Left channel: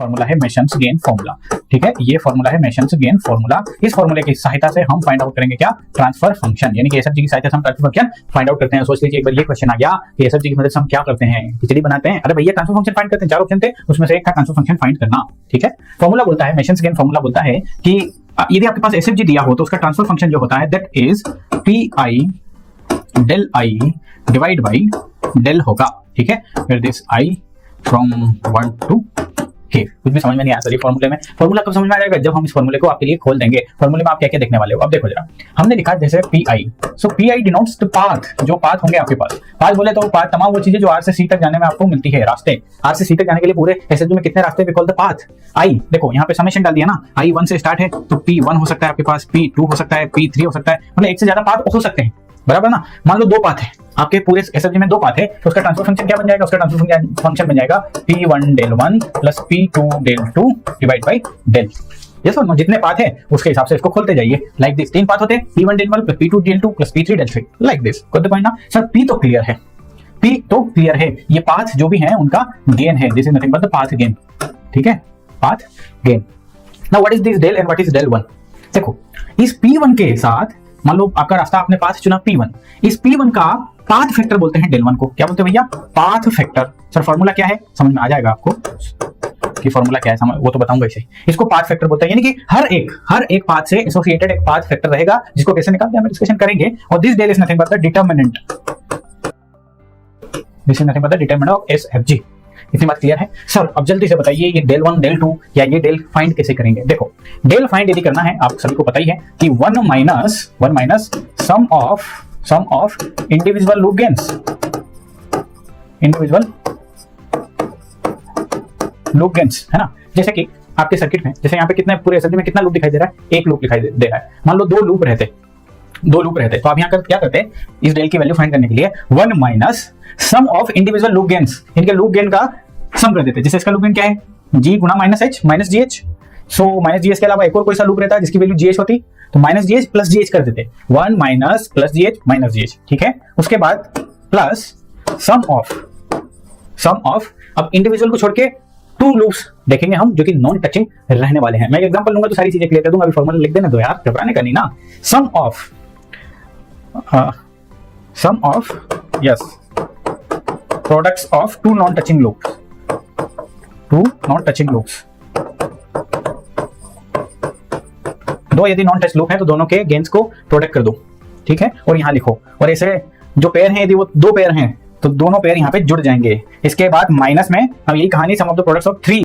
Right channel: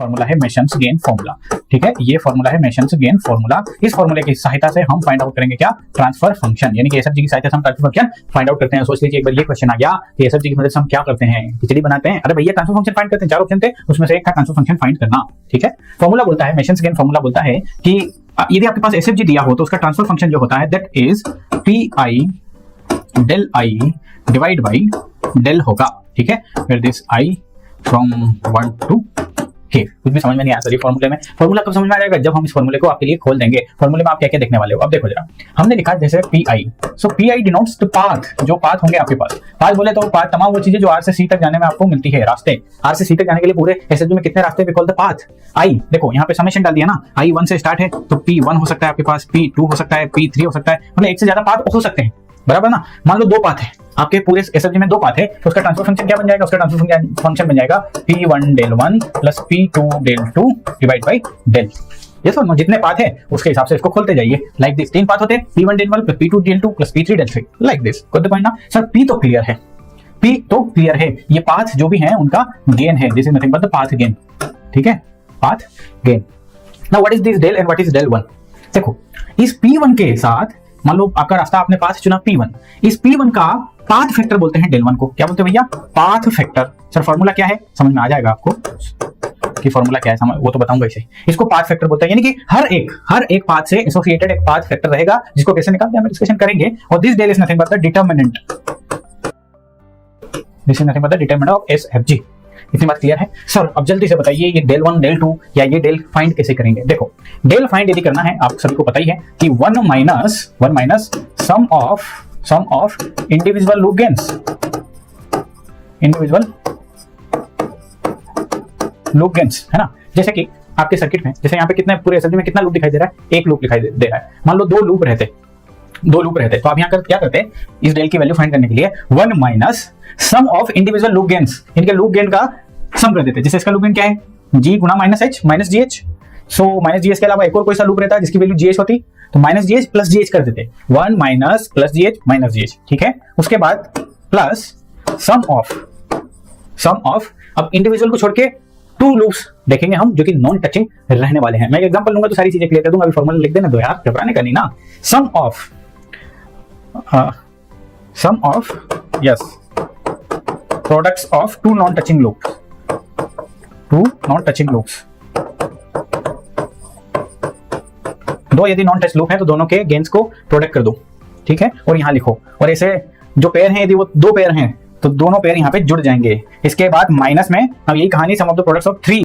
Formula है masons gain formula. ठीक है, ये फॉर्मूला है मेसन्स गेन फॉर्मूला। इस फॉर्मूले की सहायता से हम फाइंड आउट करेंगे क्या, ट्रांसफर फंक्शन, यानी कि एसएफजी की सहायता से हम ट्रांसफर फंक्शन फाइंड आउट करते हैं। सोच लीजिए एक बार ये क्वेश्चन आ गया कि एसएफजी की मदद से हम क्या करते हैं, खिचड़ी बनाते हैं। अरे भैया ट्रांसफर फंक्शन फाइंड करते हैं, चार ऑप्शन थे उसमें से एक था ट्रांसफर फंक्शन फाइंड करना। ठीक है, फॉर्मूला बोलता है, मेसन्स गेन फॉर्मूला बोलता है कि यदि आपके पास एसएफजी दिया हो तो उसका ट्रांसफर फंक्शन जो होता है that is P del I divide by del होगा। ठीक है, that is I from 1 to k। कुछ भी समझ में नहीं आता ये फॉर्मूले में, फॉर्मूला कब समझ में आएगा जब हम इस फॉर्मूले को आपके लिए खोल देंगे। फॉर्मूले में आप क्या क्या देखने वाले हो, अब देखो जरा, हमने लिखा जैसे P I, so P I denotes the path, जो पाथ होंगे आपके पास। पाथ बोले तो पाथ तमाम वो चीजें जो आर से सी तक जाने में आपको मिलती है, रास्ते। आर से सी तक जाने के लिए पूरे एसएफजी में कितने रास्ते कॉल्ड द पाथ। आई देखो यहाँ पे समेशन डाल दिया ना, आई 1 से स्टार्ट है तो P1 हो सकता है आपके पास, P2 हो सकता है, P3 हो सकता है, मतलब एक से ज्यादा पाथ हो सकते हैं, बराबर ना। मान लो 2 पाथ है आपके पूरे एसएफजी में, 2 पाथ है तो उसका ट्रांसफर फंक्शन क्या बन जाएगा, उसका ट्रांसफर फंक्शन बन जाएगा P1 del 1 plus P2 del 2 divide by del. ये समझो जितने पाथ है उसके हिसाब से इसको खोलते जाइए, लाइक दिस। 3 पाथ होते हैं, P1 del 1 plus P2 del 2 plus P3 del 3, like this. Got the point ना सर। P तो क्लियर है, P तो क्लियर है, ये पाथ जो भी है उनका गेन है, this is nothing but the path gain. ठीक है, path gain. Now what is this del and what is del 1। देखो इस P1 के साथ मान लो आपका रास्ता आपने पाथ चुना P1, इस P1 का पाथ फैक्टर बोलते हैं डेल 1 को। क्या बोलते हैं भैया, पाथ फैक्टर। सर फॉर्मूला क्या है, समझ में आ जाएगा आपको कि फॉर्मूला क्या है, समझ वो तो बताऊंगा इसे। इसको पाथ फैक्टर बोलते हैं, यानी कि हर एक पाथ से एसोसिएटेड एक पाथ फैक्टर रहेगा जिसको कैसे निकालते हैं हम डिस्कशन करेंगे। और this del is nothing but the determinant, this is nothing but the determinant of SFG. इतनी बात क्लियर है सर। अब जल्दी से बताइए ये डेल 1 डेल 2 या ये डेल फाइंड कैसे करेंगे। देखो डेल फाइंड यदि करना है, आप सबको पता ही है कि 1 minus sum of individual loop gains, individual loop gains है ना। जैसे कि आपके सर्किट में, जैसे यहाँ पे कितने पूरे सर्किट में कितना लूप दिखाई दे रहा है, एक लूप दिखाई दे रहा है। मान लो 2 लूप रहते तो आप यहाँ क्या करते हैं, इस डेल की वैल्यू फाइंड करने के लिए 1 minus sum of individual loop gains, इनके लूप गेन का सम कर देते हैं। जैसे इसका लूप गेन क्या है, G गुना minus H minus GH। So minus GH के अलावा एक और कोई सा लूप रहता है जिसकी वैल्यू GH होती, तो माइनस GH प्लस GH कर देते, 1 minus plus GH minus GH। ठीक है, उसके बाद प्लस सम ऑफ अब इंडिविजुअल को छोड़ के 2 लूप्स देखेंगे हम जो कि नॉन टचिंग रहने वाले हैं। मैं एग्जांपल लूंगा तो सारी चीजें क्लियर कर दूंगा, अभी फॉर्मूला लिख देना तो यार, घबराने का नहीं ना। Sum of yes products of 2 non touching loops, 2 non touching loops. 2 यदि नॉन टच लूप है तो दोनों के गेन्स को प्रोडक्ट कर दो। ठीक है, और यहाँ लिखो, और ऐसे जो पेयर है यदि वो 2 पेयर है तो दोनों पेयर यहाँ पे जुड़ जाएंगे। इसके बाद माइनस में अब यही कहानी सम ऑफ द प्रोडक्ट्स ऑफ 3